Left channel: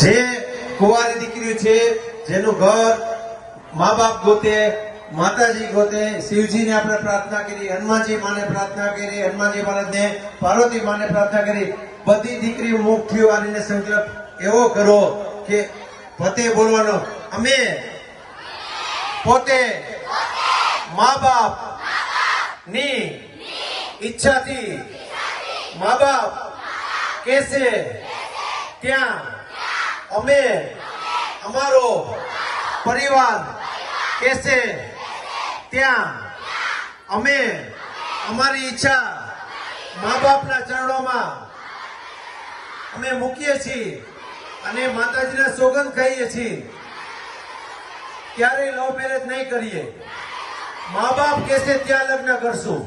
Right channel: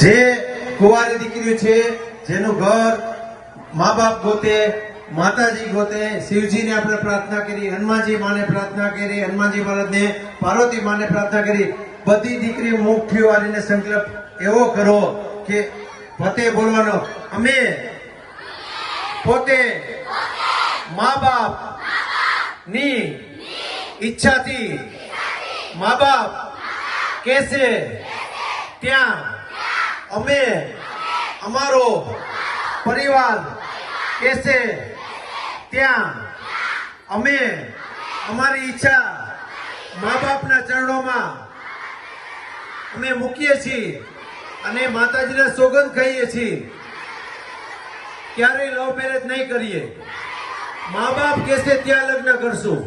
જે કુંવારી દીકરીઓ છે, જેનું ઘર મા બાપ ગોતે, માતાજી ગોતે, શિવજીને આપણે પ્રાર્થના કરી, હનુમાનજી માને પ્રાર્થના કરી, હનુમાનજી મહારાજને, પાર્વતી માને પ્રાર્થના કરી, બધી દીકરીઓ મુખથી વાળીને સંકલ્પ એવો કરો કે પોતે બોલવાનો, અમે પોતે મા બાપ ની ઈચ્છાથી મા બાપ કહેશે ત્યાં અમે અમારો પરિવાર કહેશે ત્યાં અમે અમારી ઈચ્છા મા બાપના ચરણોમાં અમે મૂકીએ છીએ અને માતાજીના સોગંદ ખાઈએ છીએ ક્યારેય લવ મેરેજ નહીં કરીએ, મા બાપ કહેશે ત્યાં લગ્ન કરશું.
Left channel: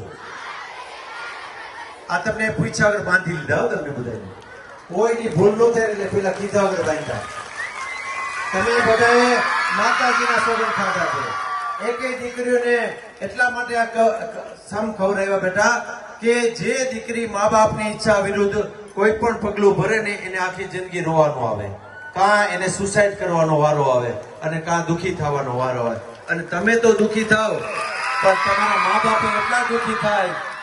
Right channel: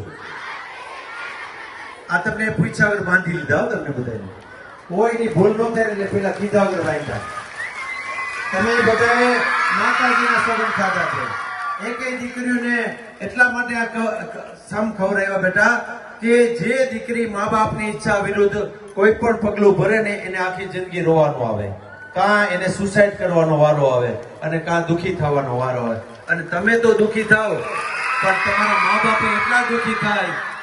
આ તમને પૂછ્યા વગર બાંધી લીધા હો તમે બધાને, કોઈની ભૂલ ન થાય એટલે પેલા કીધા વગર બાંધ્યા. તમે બધાએ માતાજીના સોગંદ ખાધા છે. એકેય દીકરીઓને એટલા માટે સામ ખવડાવ્યા બેટા કે જે દીકરી મા બાપની ઈચ્છા વિરુદ્ધ કોઈ પણ પગલું ભરે ને એને આખી જિંદગી રોવાનો આવે, કાં એને સુસાઇડ કરવાનો વારો આવે અને કાં દુઃખી થવાનો વારો આવે. અને તમે તો દુઃખી થાવ પણ તમારા મા બાપ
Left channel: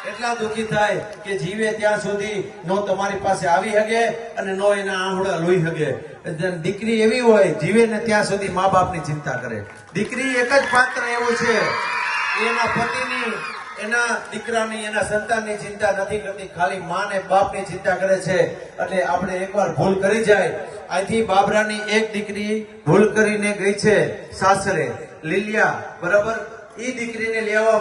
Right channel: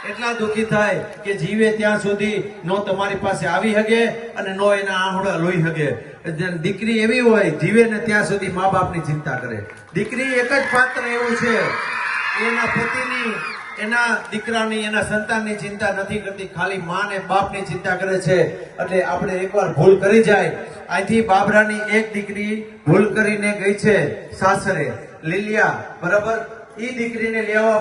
એટલા દુઃખી થાય કે જીવે ત્યાં સુધી નો તમારી પાસે આવી શકે અને નો એના આંહડા લોહી શકે. દીકરી એવી હોય જીવે ને ત્યાં સુધી મા બાપની ચિંતા કરે. દીકરી એક જ પાત્ર એવું છે, એના પતિની, એના દીકરાની, એના સંતાનની ચિંતા નથી કરતી, ખાલી મા ને બાપની ચિંતા કરે છે. એટલે આપણે એકવાર ભૂલ કરી જાય. અહીંથી બાબરાની એક દીકરી ભૂલ કરીને ગઈ છે સાસરે, લીલિયા, બરાબર? એ દીકરીને લેવા